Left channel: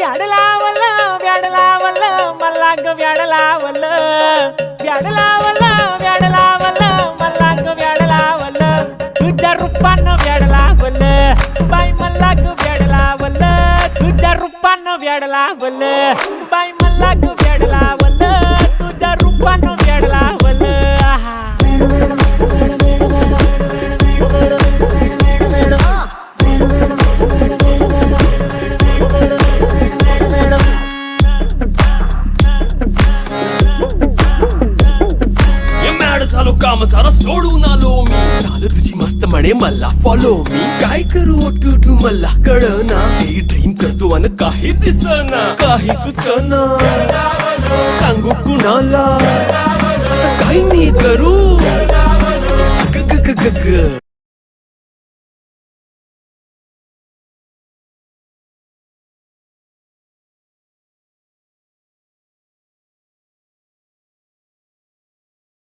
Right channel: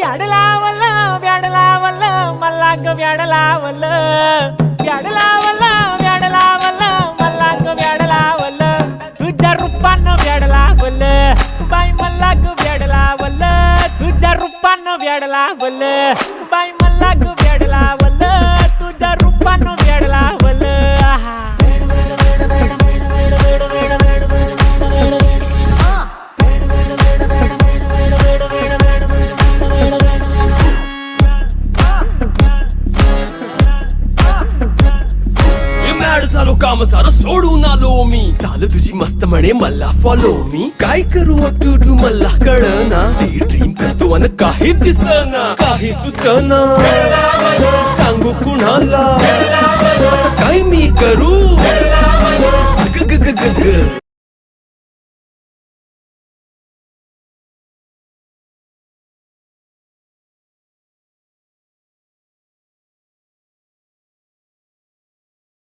व्याड लावलं व्याड लावलं मला ग व्याड लावलं व्याड लावलं व्याड लावलं मला ग व्याड लावलं तुझ्या रूपानं व्याड लावलं बाई मला ग व्याड लावलं तुझ्या रूपानं व्याड लावलं बाई मला ग व्याड लावलं तुझ्या रूपानं व्याड लावलं आहा झालो काम सारं सोडून आलो मी चाल तुझी मस्त म्हणे मला फॉलो मी काय करू टू मला कळना ती ड्रीम करतो आणि काही दिसना काही सुचना सांगू कुणाला आता काय मी करू ग ग ग ग ग